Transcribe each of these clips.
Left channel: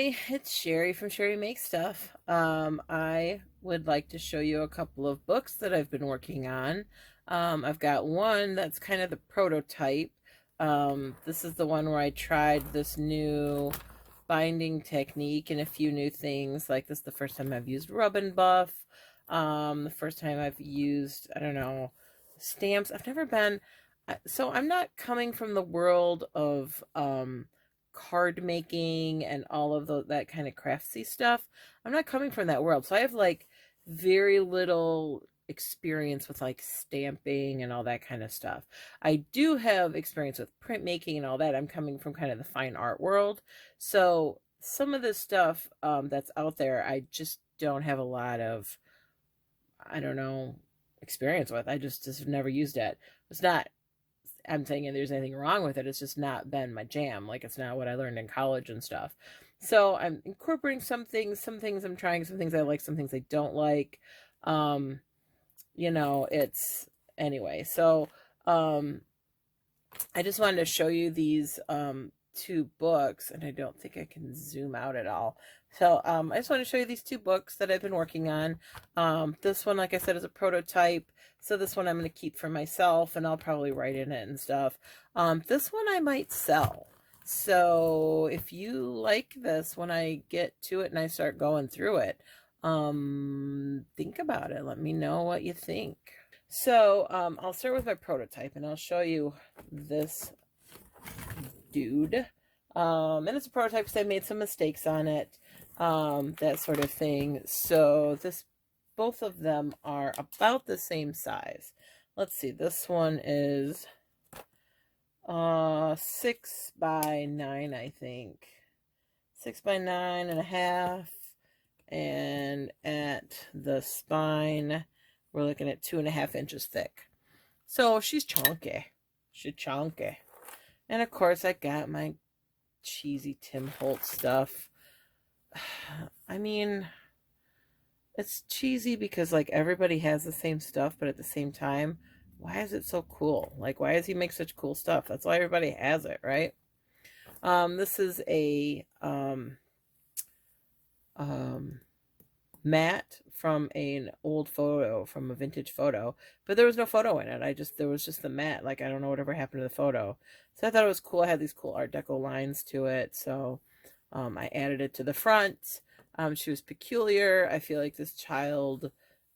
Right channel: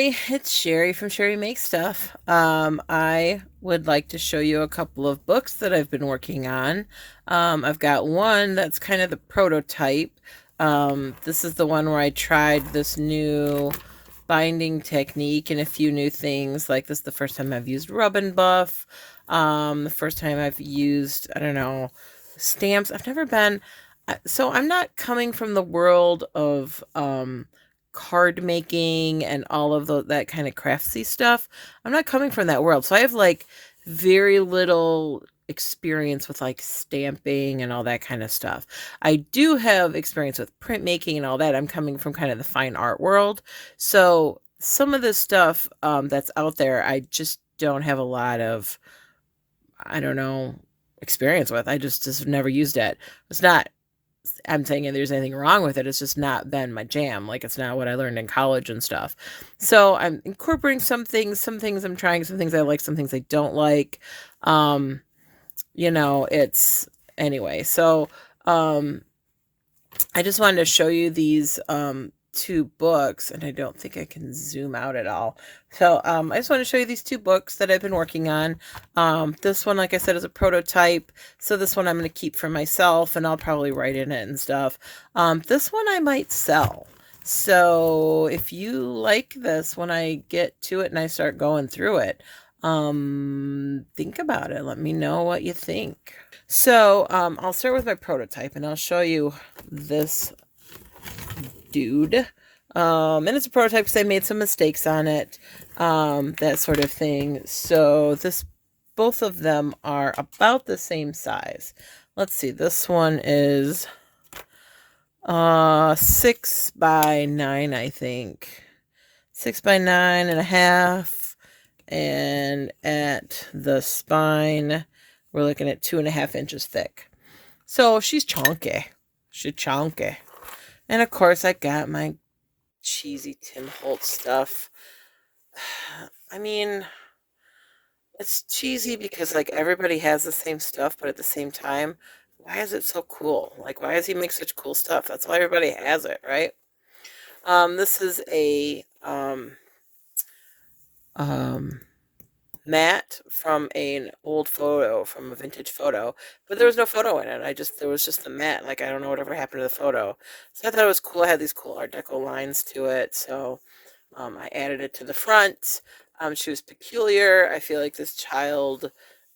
everybody, it's Sherry from Sherry Makes Stuff. I would like to show you a couple of books that I've been working on. I've got one that's kind of the prototype. This is the one where I tried this new binding technique and a few new things. Like this is the first time I've used Rub and Buff. The first time I've used, I don't know, stamps. I've never been, so I'm not coming from the world of, card making and all of that kind of craftsy stuff. I'm not coming from that world. So I have like very little experience with like stamping and all that kind of stuff. I do have experience with printmaking and all that. I'm coming from kind of the fine art world. So some of the stuff that's out there, I just don't have a lot of, I don't know, experience with. I just never used it. It's not, I'm saying there's anything wrong with it. It's just not been my jam. Like it's not what I learned in college and stuff. So I'm incorporating some things I'm trying, some things I like, some things I don't like. Um, it's anyway. So I just wanted to show you these two books, and I don't think I can zoom out at all. So I just want to show you these two books that I've been working on. This one, like I said, is a prototype. So this one I'm going to keep for myself, and I'll probably write in it and stuff. This one I might sell. So if you like this, when I get to it and I start going through it, think about it. Let me know what you think. So I'll start with my prototype, and I'll show you this dude. And it's a prototype because I made some mistakes on it, that sort of thing. So both of them are about the same size. Let's see, this one is 6 by 9, I think. 6 by 9.5. And at the spine, we're looking at 2.5 inches thick. So she's chunky. She's chunky. And of course, I got my cheesy Tim Holtz stuff. I mean, it's cheesy because like everybody has the same stuff, but at the same time, why is it so cool? Like, why does he make such cool stuff? That's why everybody has it, right? This is a matte from an old photo, from a vintage photo, but there was no photo in it. There was just the matte. Like, I don't know whatever happened to the photo. So I thought it was cool. I had these cool Art Deco lines to it. So I added it to the front. She was peculiar. I feel like this child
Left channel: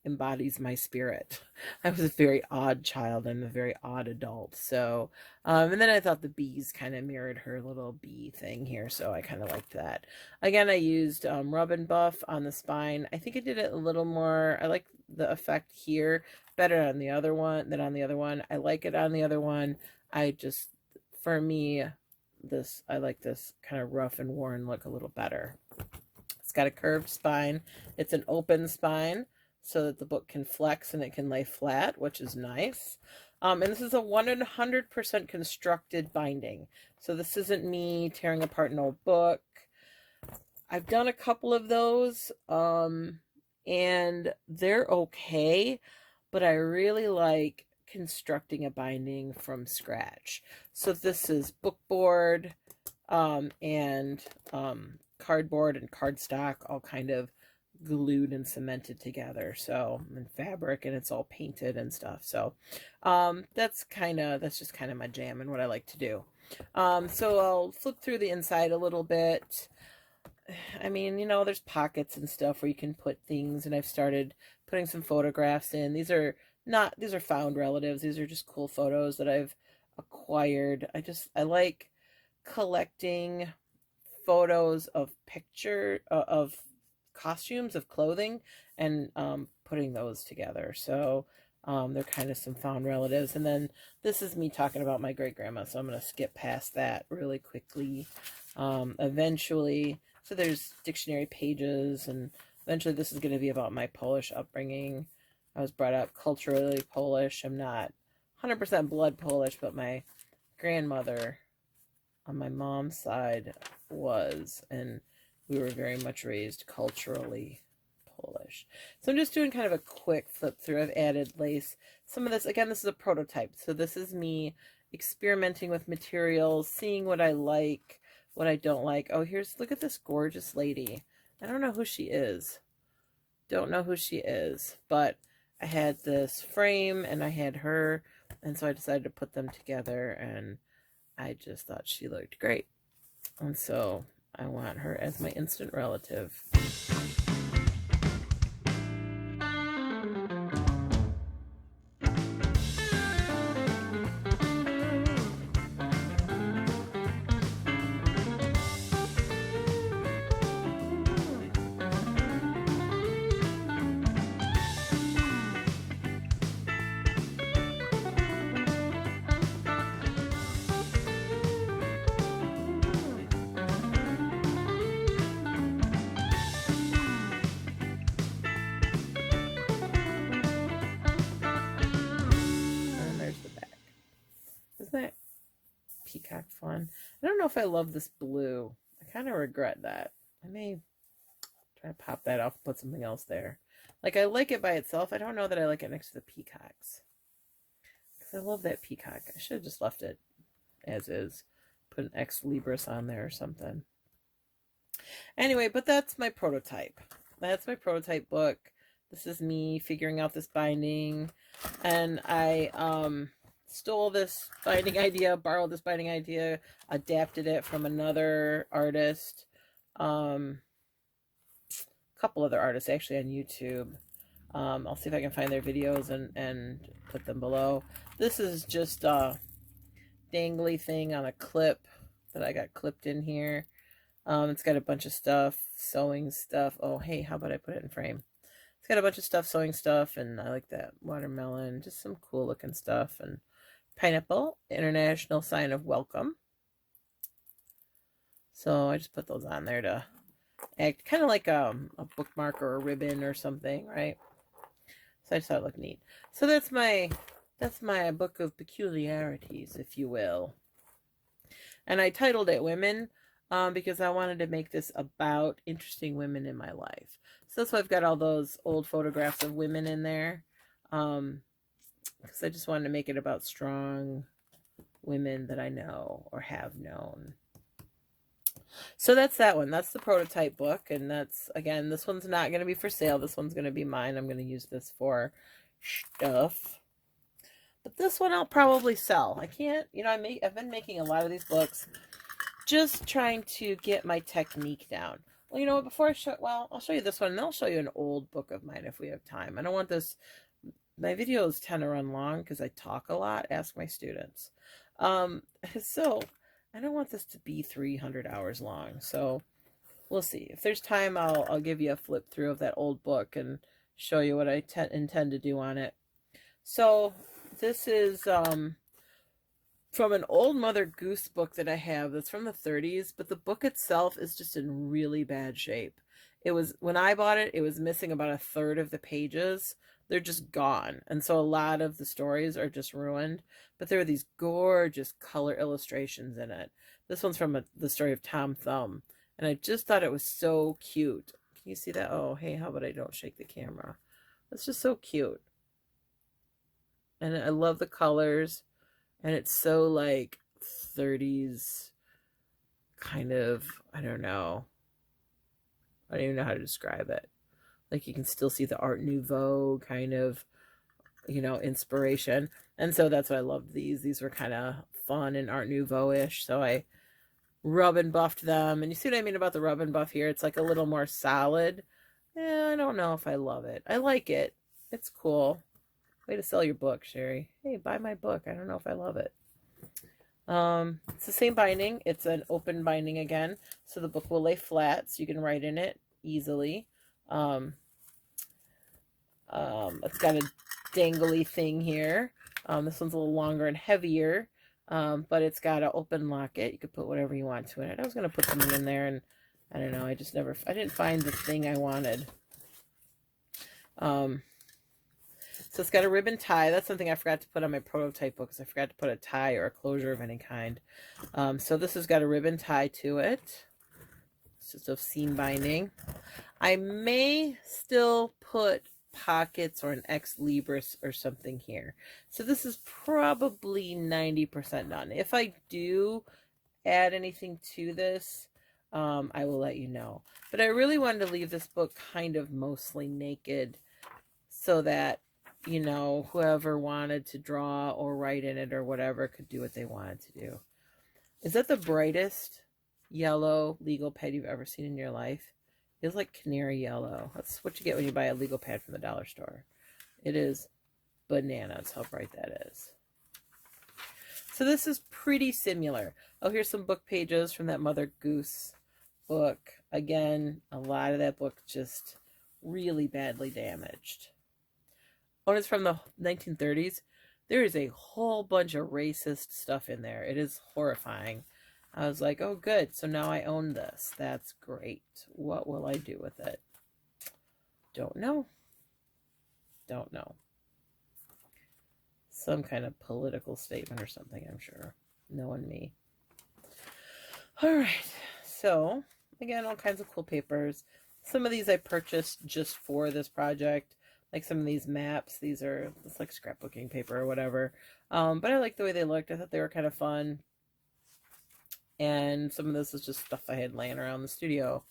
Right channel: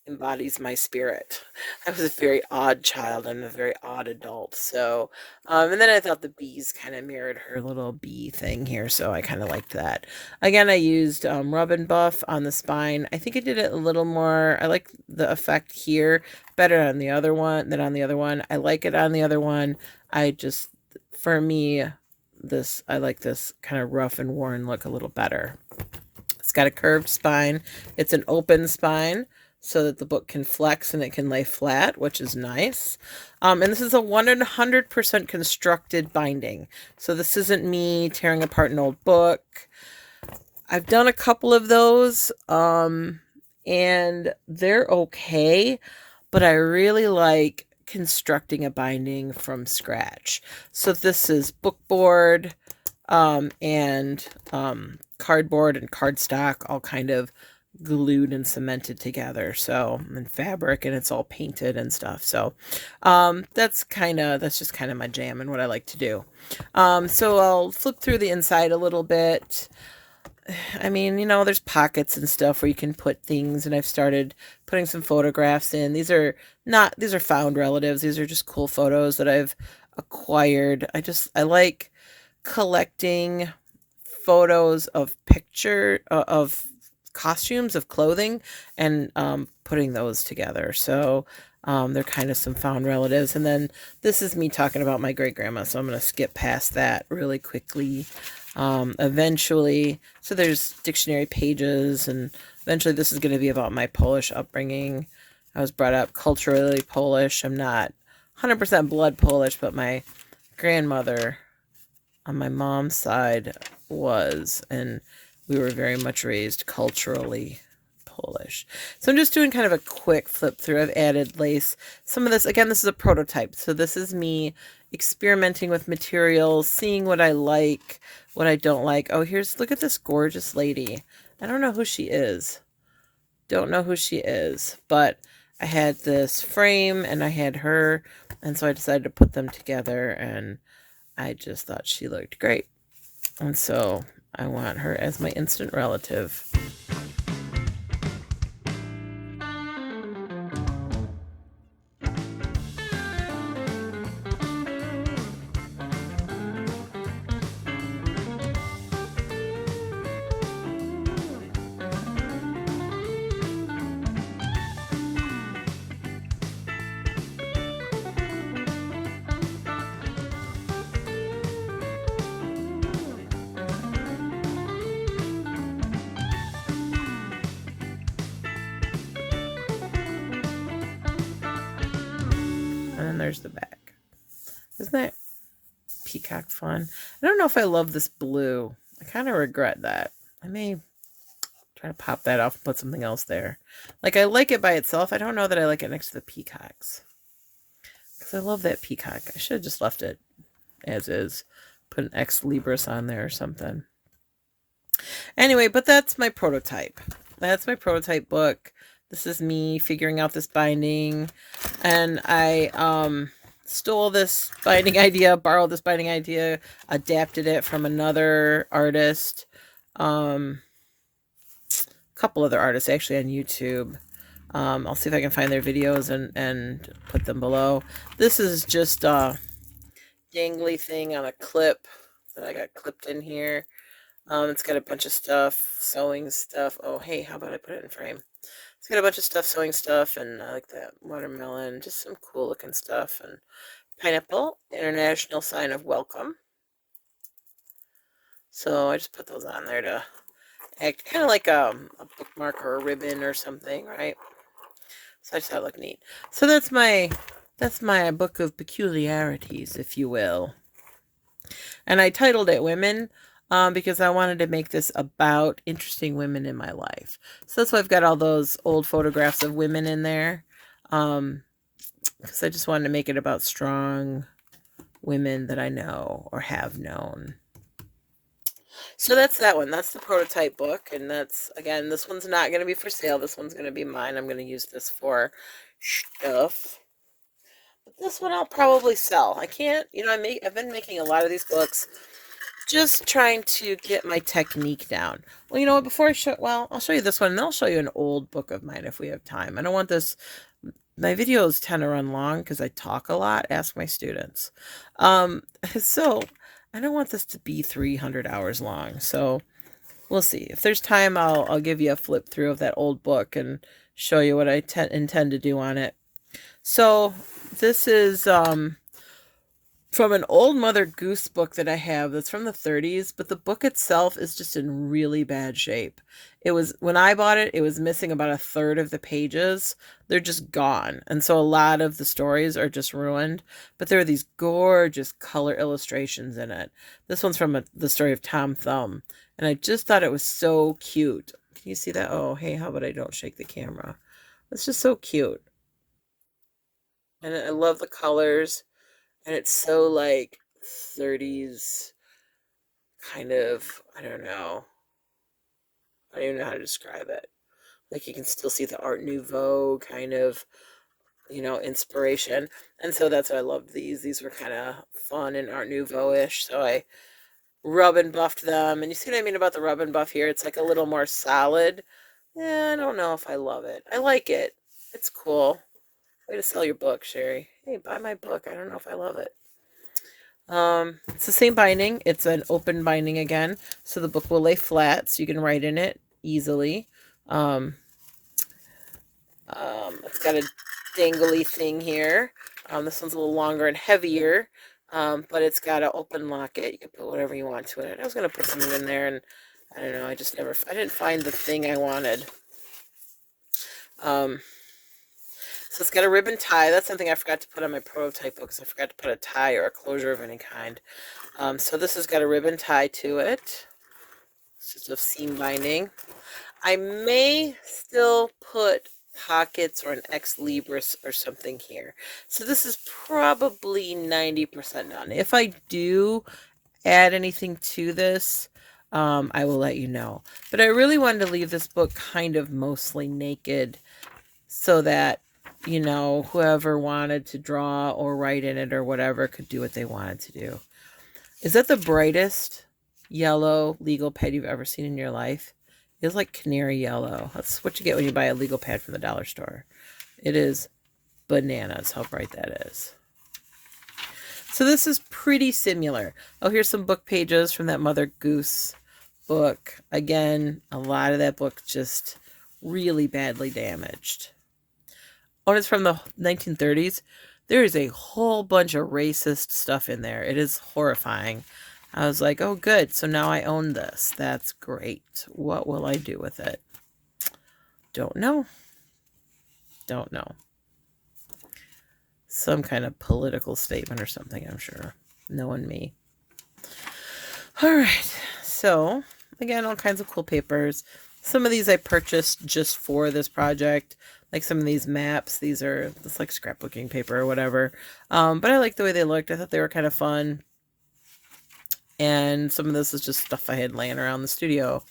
embodies my spirit. I was a very odd child. I'm a very odd adult. So, and then I thought the bees kind of mirrored her little bee thing here. So I kind of liked that. Again, I used Rub and Buff on the spine. I think I did it a little more. I like the effect here better on the other one than on the other one. I like it on the other one. For me, I like this kind of rough and worn look a little better. It's got a curved spine. It's an open spine so that the book can flex and it can lay flat, which is nice. And this is a 100% constructed binding. So this isn't me tearing apart an old book. I've done a couple of those, and they're okay, but I really like constructing a binding from scratch. So this is bookboard, and cardboard and cardstock all kind of glued and cemented together, so, and fabric, and it's all painted and stuff. So that's just kind of my jam and what I like to do. So I'll flip through the inside a little bit. I mean, there's pockets and stuff where you can put things, and I've started putting some photographs in. These are found relatives. These are just cool photos that I've acquired. I like collecting photos of of costumes, of clothing, and putting those together. So they're kind of some found relatives. And then this is me talking about my great grandma, so I'm going to skip past that really quickly. Eventually, so there's dictionary pages, and eventually this is going to be about my Polish upbringing. I was brought up culturally Polish. I'm not 100% blood Polish, but my grandmother on my mom's side was, and we were very much raised culturally Polish. So I'm just doing kind of a quick flip through. I've added lace. Some of this, again, this is a prototype. So this is me experimenting with materials, seeing what I like, what I don't like. Oh, look at this gorgeous lady. I don't know who she is. Don't know who she is, but I had this frame and I had her, and so I decided to put them together, and I just thought she looked great. And so I want her as my instant relative. There's the back. Isn't that peacock fun? I don't know if I love this blue. I kind of regret that. I may try to pop that off and put something else there. Like, I like it by itself. I don't know that I like it next to the peacocks. Because I love that peacock. I should have just left it as is. Put an Ex Libris on there or something. Anyway, but that's my prototype. That's my prototype book. This is me figuring out this binding, and I stole this binding idea, borrowed this binding idea, adapted it from another artist, a couple other artists actually on YouTube. I'll see if I can find their videos and put them below. This is just a dangly thing on a clip that I got clipped in here. It's got a bunch of stuff, sewing stuff. Oh, hey, how about I put it in frame? It's got a bunch of stuff, sewing stuff, and I like that watermelon. Just some cool looking stuff. And pineapple, international sign of welcome. So I just put those on there to act kind of like a bookmark or a ribbon or something, right? So I just thought it looked neat. So that's my book of peculiarities, if you will. And I titled it Women. Because I wanted to make this about interesting women in my life. So that's why I've got all those old photographs of women in there. Because I just wanted to make it about strong women that I know or have known. So that's that one. That's the prototype book. And that's, again, this one's not going to be for sale. This one's going to be mine. I'm going to use this for stuff. But this one I'll probably sell. I can't, I've been making a lot of these books, just trying to get my technique down. Well, you know what, before I'll show you this one, and then I'll show you an old book of mine if we have time. I don't want this, my videos tend to run long because I talk a lot, ask my students. So I don't want this to be 300 hours long, so we'll see. If there's time, I'll give you a flip through of that old book and show you what I intend to do on it. So this is, from an old Mother Goose book that I have that's from the 30s, but the book itself is just in really bad shape. When I bought it, it was missing about a third of the pages. They're just gone. And so a lot of the stories are just ruined, but there are these gorgeous color illustrations in it. This one's from the story of Tom Thumb, and I just thought it was so cute. Can you see that? Oh, hey, how about I don't shake the camera? It's just so cute. And I love the colors. And it's so like 30s kind of, I don't even know how to describe it. Like you can still see the Art Nouveau kind of, inspiration. And so that's why I loved these. These were kind of fun and Art Nouveau-ish. So I rub and buffed them. And you see what I mean about the rub and buff here? It's like a little more solid. Yeah, I don't know if I love it. I like it. It's cool. Way to sell your book, Sherry. Hey, buy my book. I don't know if I love it. It's the same binding. It's an open binding again, so the book will lay flat, so you can write in it easily. It's got a dangly thing here. This one's a little longer and heavier, but it's got an open locket. You can put whatever you want to in it. I was going to put something in there, and I don't know, I didn't find the thing I wanted. So it's got a ribbon tie. That's something I forgot to put on my prototype book, because I forgot to put a tie or a closure of any kind. So this has got a ribbon tie to it. It's just a seam binding. I may still put pockets or an ex libris or something here. So this is probably 90% done. If I do add anything to this, I will let you know. But I really wanted to leave this book kind of mostly naked so that, you know, whoever wanted to draw or write in it or whatever could do what they wanted to do. Is that the brightest yellow legal pad you've ever seen in your life? It's like canary yellow. That's what you get when you buy a legal pad from the dollar store. It is bananas how bright that is. So this is pretty similar. Oh, here's some book pages from that Mother Goose book. Again, a lot of that book just really badly damaged. Oh, it's from the 1930s. There is a whole bunch of racist stuff in there. It is horrifying. I was like, oh, good. So now I own this. That's great. What will I do with it? Don't know. Don't know. Some kind of political statement or something, I'm sure. Knowing me. All right. So, again, all kinds of cool papers. Some of these I purchased just for this project. Like some of these maps. These are just like scrapbooking paper or whatever. But I liked the way they looked. I thought they were kind of fun. And some of this is just stuff I had laying around the studio.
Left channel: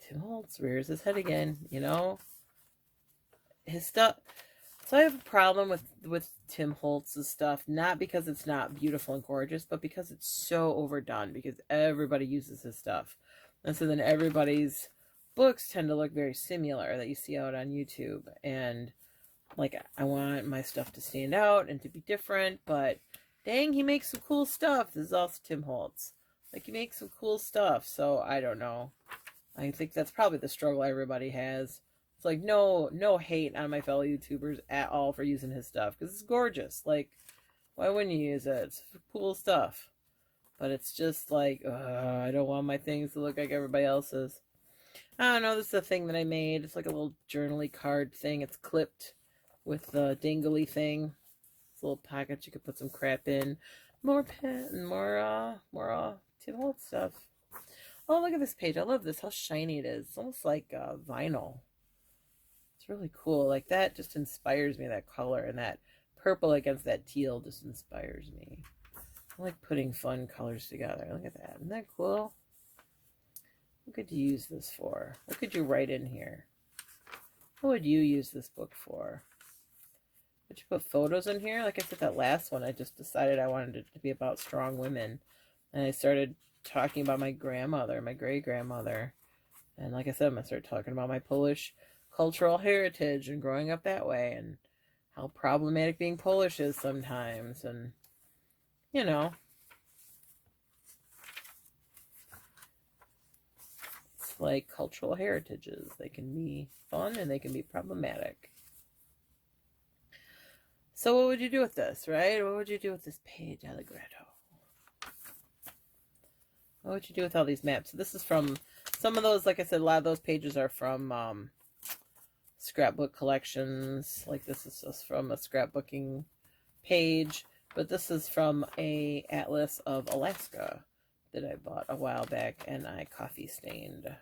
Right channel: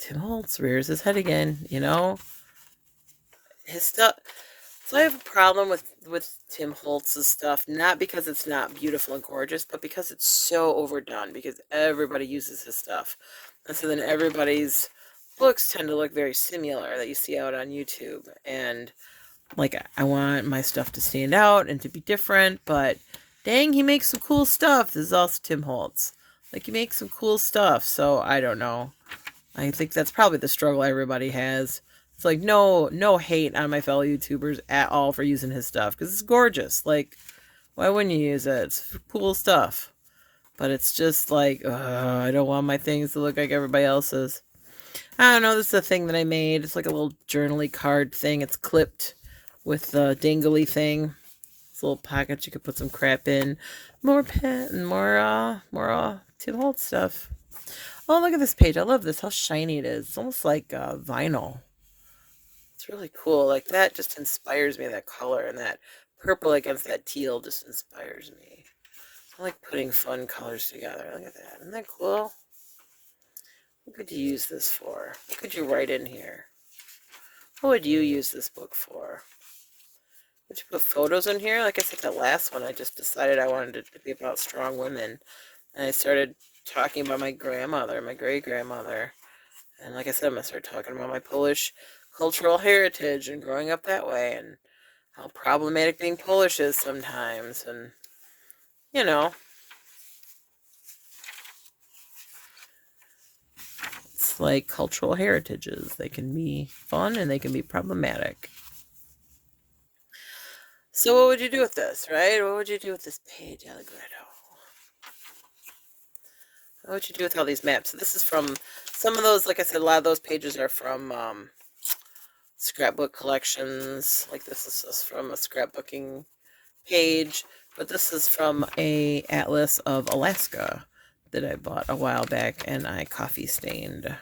Tim Holtz rears his head again, you know. His stuff. So I have a problem with Tim Holtz's stuff, not because it's not beautiful and gorgeous, but because it's so overdone, because everybody uses his stuff. And so then everybody's books tend to look very similar that you see out on YouTube. And like, I want my stuff to stand out and to be different, but dang, he makes some cool stuff. This is also Tim Holtz. Like, he makes some cool stuff, so I don't know. I think that's probably the struggle everybody has. It's like, no hate on my fellow YouTubers at all for using his stuff, because it's gorgeous. Like, why wouldn't you use it? It's cool stuff. But it's just like, I don't want my things to look like everybody else's. I don't know, this is a thing that I made. It's like a little journaly card thing. It's clipped with the dangly thing. It's a little pocket you could put some crap in. More pen and more Tim Holtz stuff. Oh, look at this page. I love this. How shiny it is. It's almost like vinyl. It's really cool. Like, that just inspires me. That color and that purple against that teal just inspires me. I like putting fun colors together. Look at that. Isn't that cool? What could you use this for? What could you write in here? What would you use this book for? Would you put photos in here? Like I said, that last one, I just decided I wanted it to be about strong women. And I started talking about my grandmother, my great-grandmother. And like I said, I'm going to start talking about my Polish cultural heritage and growing up that way and how problematic being Polish is sometimes. And, you know, it's like cultural heritages. They can be fun and they can be problematic. So what would you do with this, right? What would you do with this page, Allegretto? What would you do with all these maps? So this is from some of those, like I said, a lot of those pages are from scrapbook collections. Like this is just from a scrapbooking page, but this is from a atlas of Alaska that I bought a while back and I coffee stained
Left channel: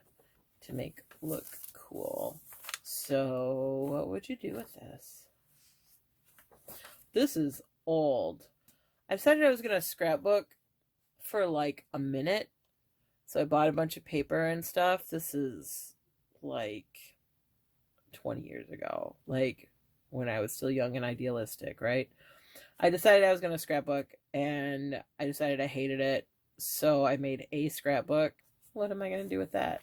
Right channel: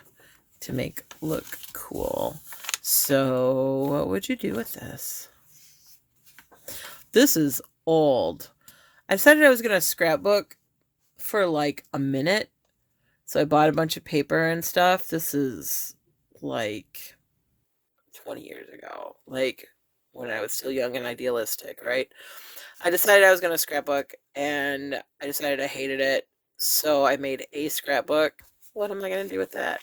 to make look cool. So what would you do with this? This is old. I decided I was going to scrapbook for like a minute. So I bought a bunch of paper and stuff. This is like 20 years ago. Like when I was still young and idealistic, right? I decided I was going to scrapbook and I decided I hated it. So I made a scrapbook. What am I going to do with that?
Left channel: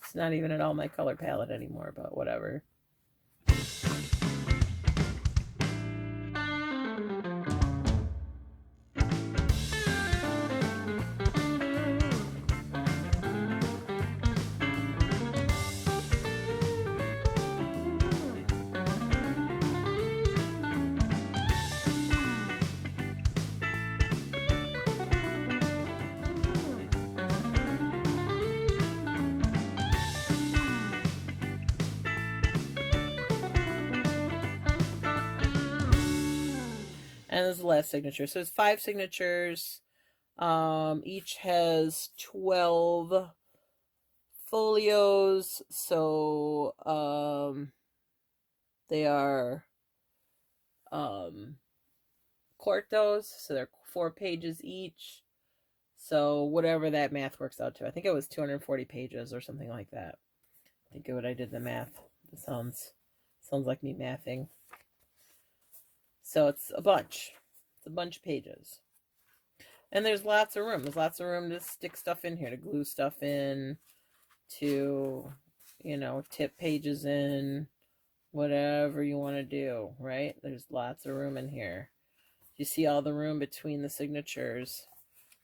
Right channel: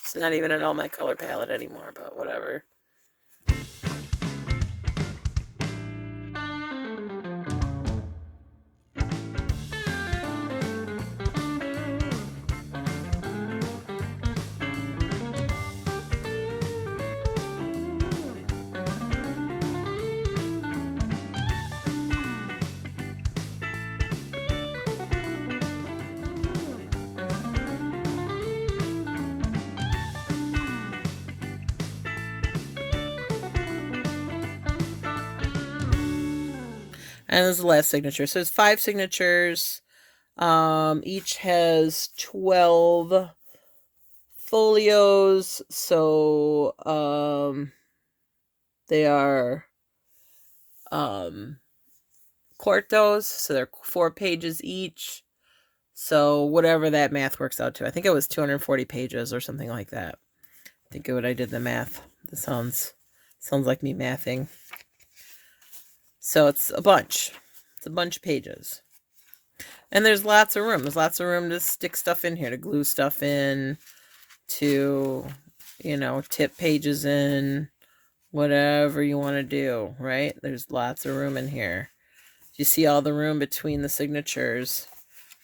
It's not even in all my color palette anymore, but whatever. And this is the last signature. So it's 5 signatures. Each has 12 folios. So, they are, quartos. So they're 4 pages each. So whatever that math works out to. I think it was 240 pages or something like that. I think what I did the math. This sounds like me mathing. So it's a bunch. It's a bunch of pages. And there's lots of room. There's lots of room to stick stuff in here, to glue stuff in, to, tip pages in, whatever you want to do, right? There's lots of room in here. You see all the room between the signatures,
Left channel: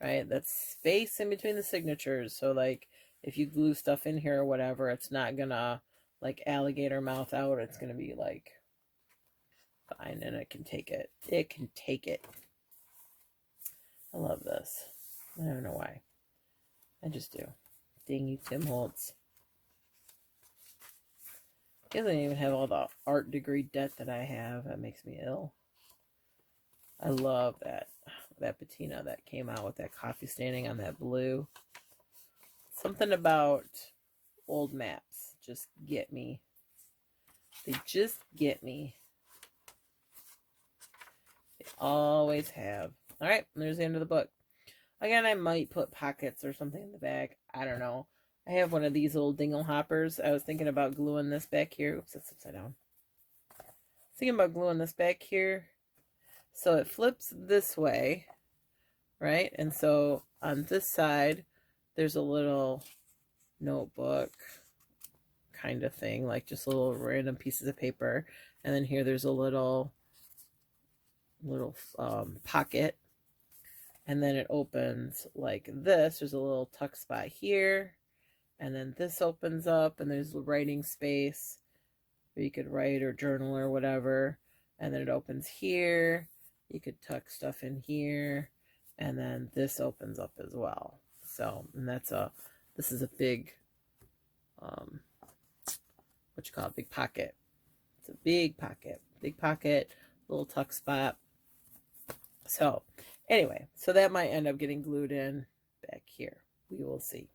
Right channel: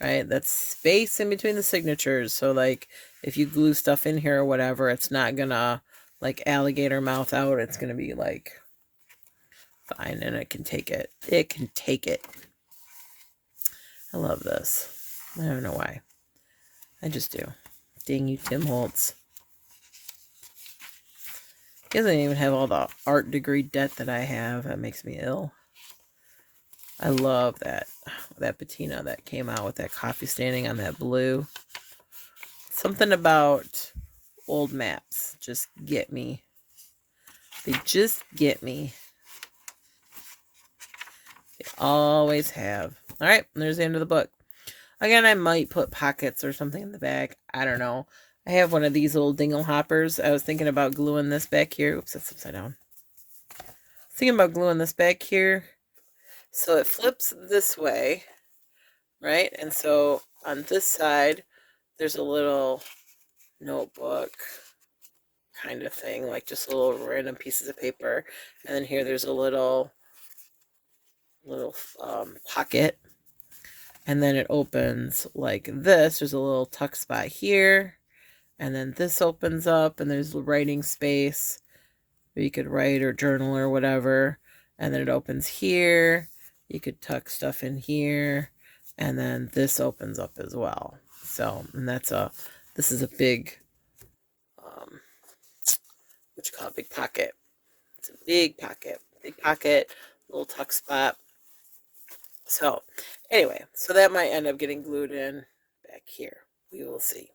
right? That's space in between the signatures. So, like, if you glue stuff in here or whatever, it's not gonna, like, alligator mouth out. It's gonna be, like, fine, and it can take it. It can take it. I love this. I don't know why. I just do. Dang you, Tim Holtz. He doesn't even have all the art degree debt that I have. That makes me ill. I love that patina that came out with that coffee standing on that blue. Something about old maps just get me. They just get me. They always have. All right, there's the end of the book. Again, I might put pockets or something in the back. I don't know. I have one of these little dingle hoppers. I was thinking about gluing this back here. Oops, that's upside down. Thinking about gluing this back here. So it flips this way, right? And so on this side, there's a little notebook kind of thing, like just little random pieces of paper. And then here there's a little pocket. And then it opens like this. There's a little tuck spot here. And then this opens up and there's writing space where you could write or journal or whatever. And then it opens here. You could tuck stuff in here. And then this opens up as well. So, and this is a big, what you call it, big pocket. It's a big pocket, little tuck spot. So, anyway, so that might end up getting glued in back here. We will see.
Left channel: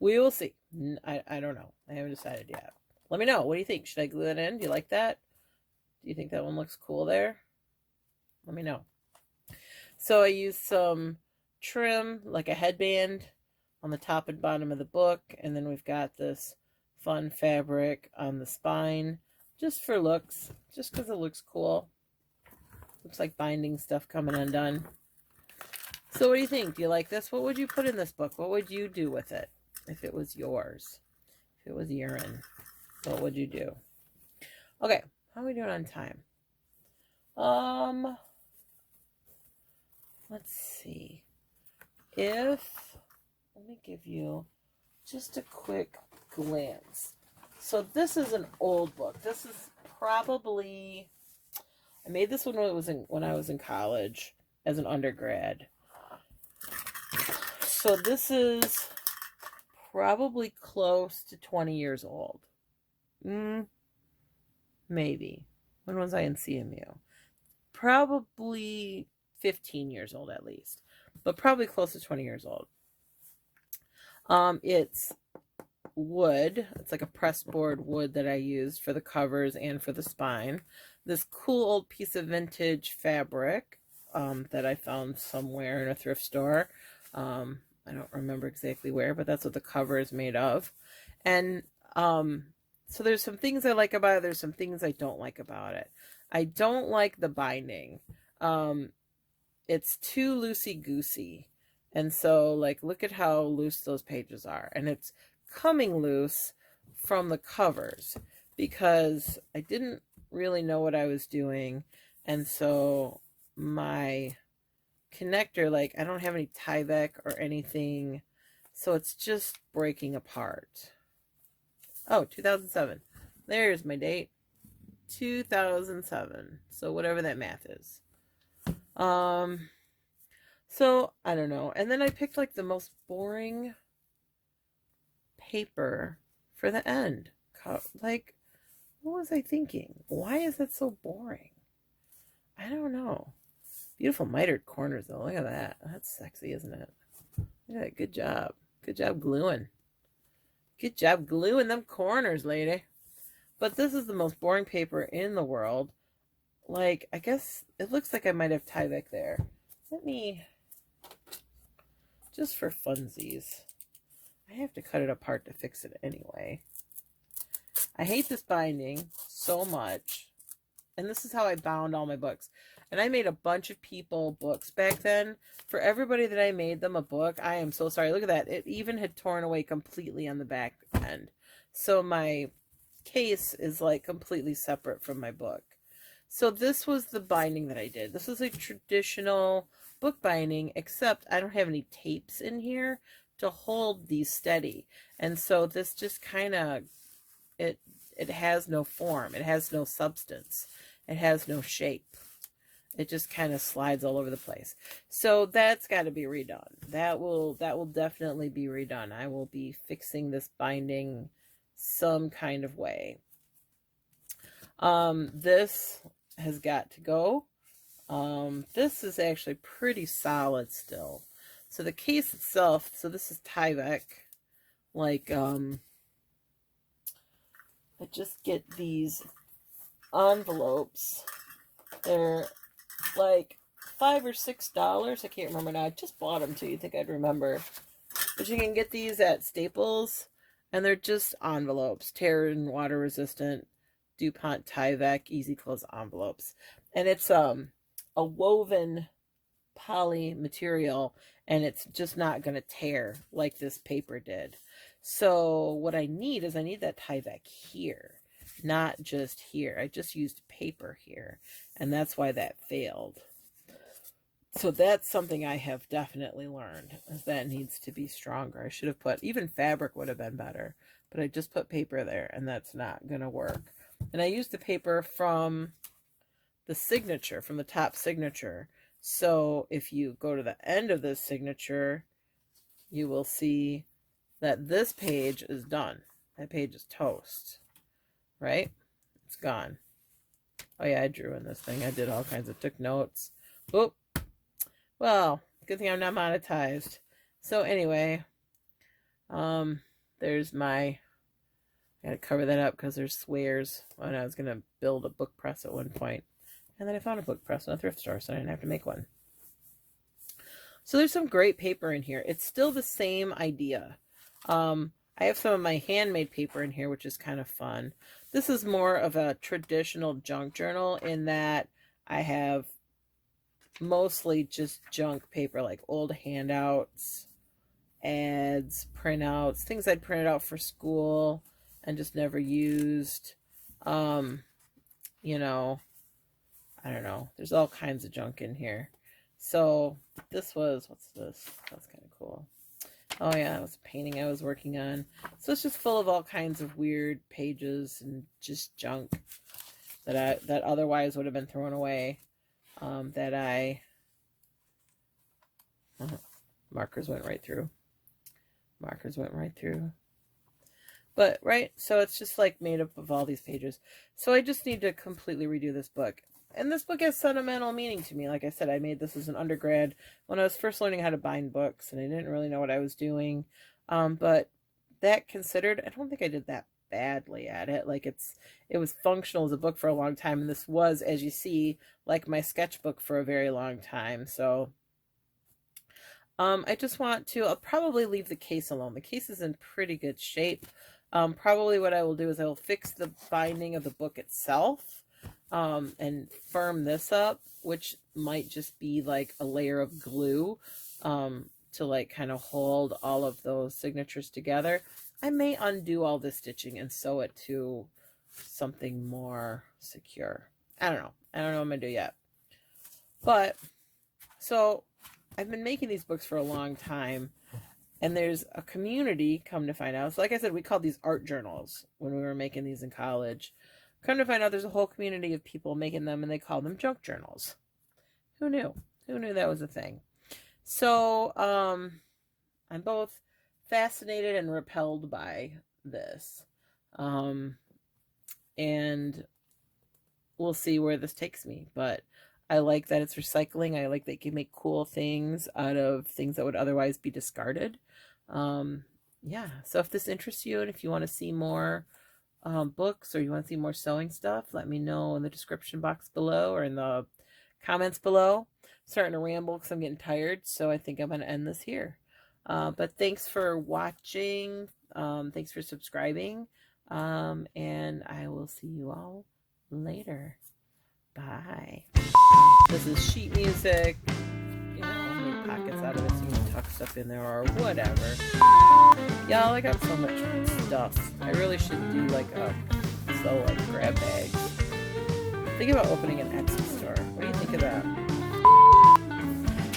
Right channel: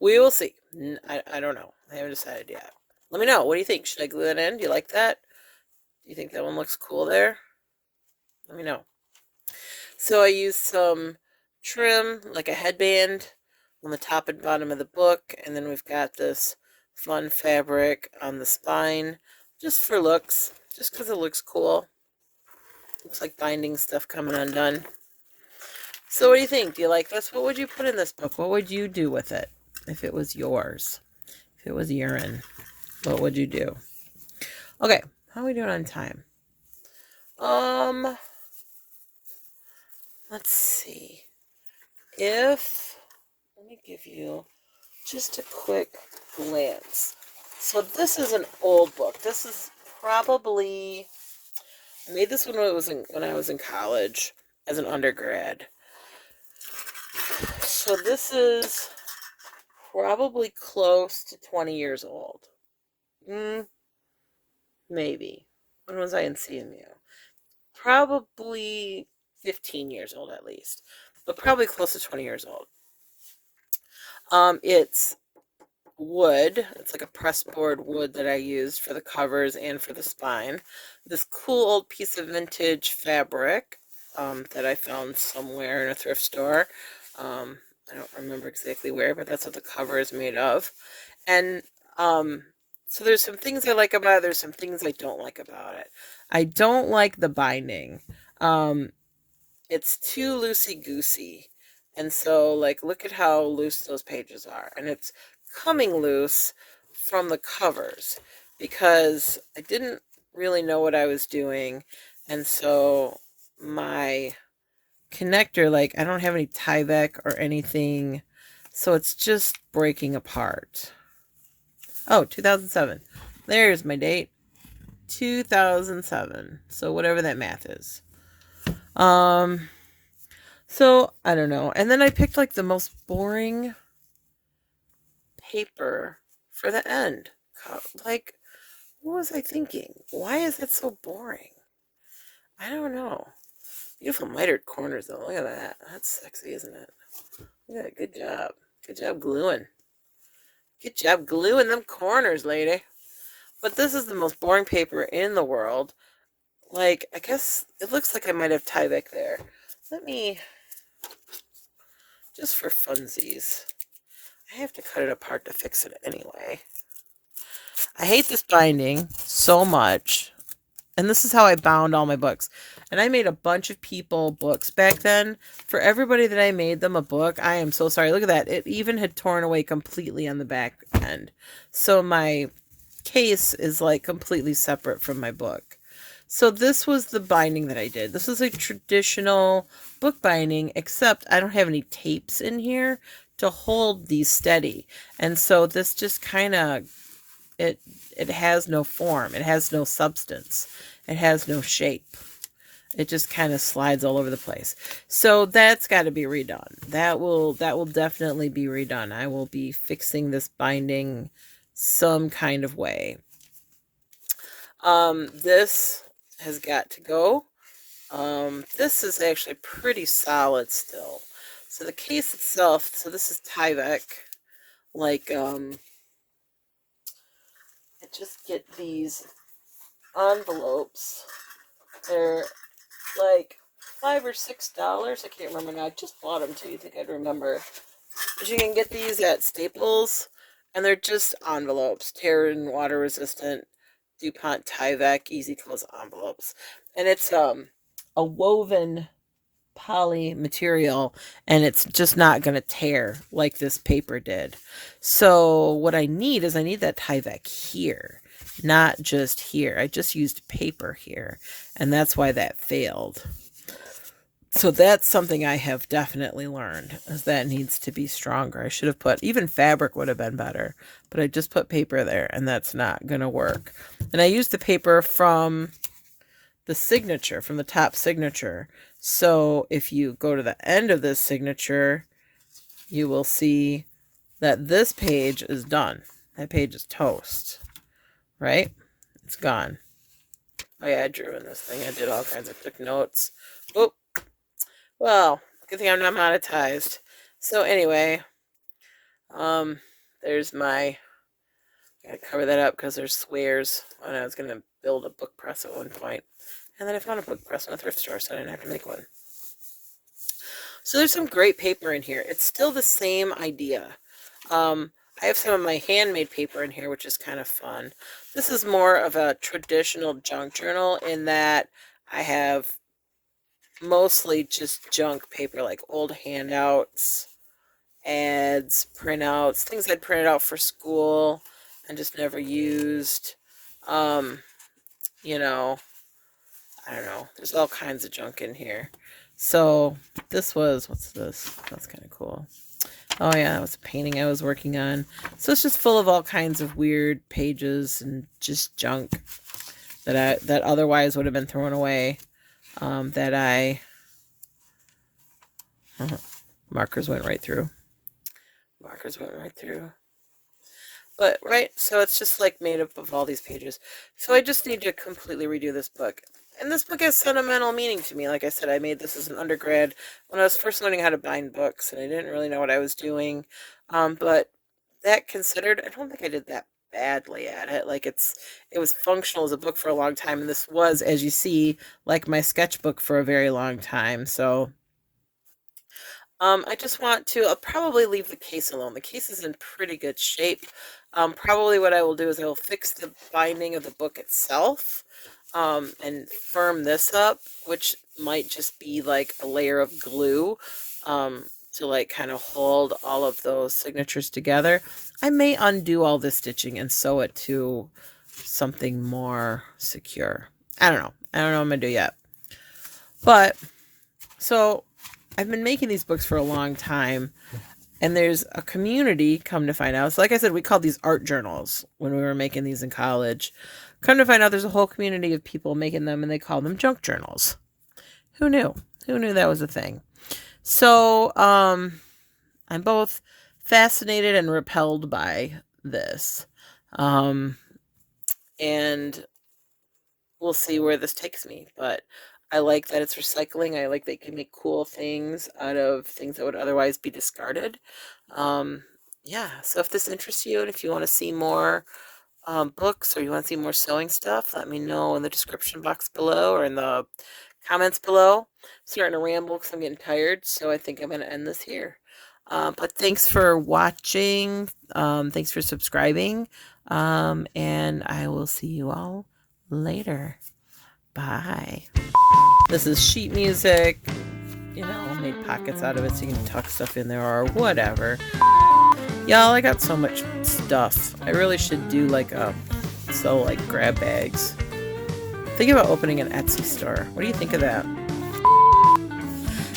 We will see. I don't know. I haven't decided yet. Let me know. What do you think? Should I glue that in? Do you like that? Do you think that one looks cool there? Let me know. So I used some trim, like a headband, on the top and bottom of the book. And then we've got this fun fabric on the spine, just for looks, just because it looks cool. Looks like binding stuff coming undone. So what do you think? Do you like this? What would you put in this book? What would you do with it if it was yours? If it was urine, what would you do? Okay, how are we doing on time? Let's see. Let me give you just a quick glance. So this is an old book. This is probably, I made this one when I was in college as an undergrad. So this is probably close to 20 years old. Maybe. When was I in CMU? Probably 15 years old at least, but probably close to 20 years old. It's wood. It's like a pressboard wood that I used for the covers and for the spine. This cool old piece of vintage fabric that I found somewhere in a thrift store. I don't remember exactly where, but that's what the cover is made of. And so there's some things I like about it. There's some things I don't like about it. I don't like the binding. It's too loosey-goosey. And so, like, look at how loose those pages are. And it's coming loose from the covers because I didn't really know what I was doing. And so my connector, like, I don't have any Tyvek or anything. So it's just breaking apart. Oh, 2007. There's my date. 2007. So whatever that math is. So I don't know. And then I picked like the most boring paper for the end. Like, what was I thinking? Why is it so boring? I don't know. Beautiful mitered corners though. Look at that. That's sexy, isn't it? Look at that. Good job. Good job gluing. Good job gluing them corners, lady. But this is the most boring paper in the world. Like, I guess it looks like I might have Tyvek there. Let me, just for funsies. I have to cut it apart to fix it anyway. I hate this binding so much. And this is how I bound all my books. And I made a bunch of people books back then. For everybody that I made them a book, I am so sorry. Look at that. It even had torn away completely on the back end. So my case is like completely separate from my book. So this was the binding that I did. This is a traditional book binding, except I don't have any tapes in here to hold these steady. And so this just kind of, it has no form. It has no substance. It has no shape. It just kind of slides all over the place. So that's got to be redone. That will definitely be redone. I will be fixing this binding some kind of way. This has got to go. This is actually pretty solid still. So the case itself, so this is Tyvek. Like, I just get these envelopes. They're like $5 or $6. I can't remember now. I just bought them too. You think I'd remember? But you can get these at Staples, and they're just envelopes, tear and water resistant DuPont Tyvek Easy Close envelopes, and it's a woven poly material, and it's just not going to tear like this paper did. So what I need is I need that Tyvek here, not just here. I just used paper here, and that's why that failed. So that's something I have definitely learned, is that needs to be stronger. I should have put, even fabric would have been better, but I just put paper there, and that's not going to work. And I used the paper from the signature, from the top signature. So if you go to the end of this signature, you will see that this page is done. That page is toast, right? It's gone. Oh yeah, I drew in this thing. I did all kinds of, took notes. Oh, well, good thing I'm not monetized. So anyway, there's my, gotta cover that up because there's swears when I was gonna build a book press at one point. And then I found a book press in a thrift store, so I didn't have to make one. So there's some great paper in here. It's still the same idea. I have some of my handmade paper in here, which is kind of fun. This is more of a traditional junk journal in that I have mostly just junk paper, like old handouts, ads, printouts, things I'd printed out for school and just never used. You know, I don't know. There's all kinds of junk in here. So this was, what's this? That's kind of cool. Oh yeah, that was a painting I was working on. So it's just full of all kinds of weird pages and just junk that otherwise would have been thrown away. Markers went right through. Markers went right through. But, right, so it's just like made up of all these pages. So I just need to completely redo this book. And this book has sentimental meaning to me. Like I said, I made this as an undergrad when I was first learning how to bind books, and I didn't really know what I was doing. But that considered, I don't think I did that badly at it. Like it was functional as a book for a long time, and this was, as you see, like my sketchbook for a very long time. So I just want to, I'll probably leave the case alone. The case is in pretty good shape. Probably what I will do is I will fix the binding of the book itself, and firm this up, which might just be like a layer of glue, to like kind of hold all of those signatures together. I may undo all this stitching and sew it to something more secure. I don't know. I don't know what I'm going to do yet. But, so I've been making these books for a long time, and there's a community, come to find out. So like I said, we called these art journals when we were making these in college. Come to find out there's a whole community of people making them, and they call them junk journals. Who knew? Who knew that was a thing? So I'm both fascinated and repelled by this. And we'll see where this takes me. But I like that it's recycling. I like that you can make cool things out of things that would otherwise be discarded. Yeah, so if this interests you and if you want to see more books or you want to see more sewing stuff, let me know in the description box below or in the comments below. I'm starting to ramble because I'm getting tired, so I think I'm going to end this here. But thanks for watching. Thanks for subscribing. And I will see you all later. Bye. This is sheet music. You know, I'll make pockets out of it so you can tuck stuff in there or whatever. Y'all, I got so much stuff. I really should do like like grab bags. Think about opening an Etsy store. What do you think of that?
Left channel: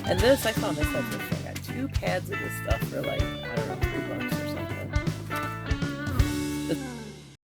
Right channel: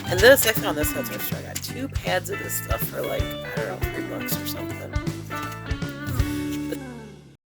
And this, I found this at the store. I got 2 pads of this stuff for like, I don't know, $3.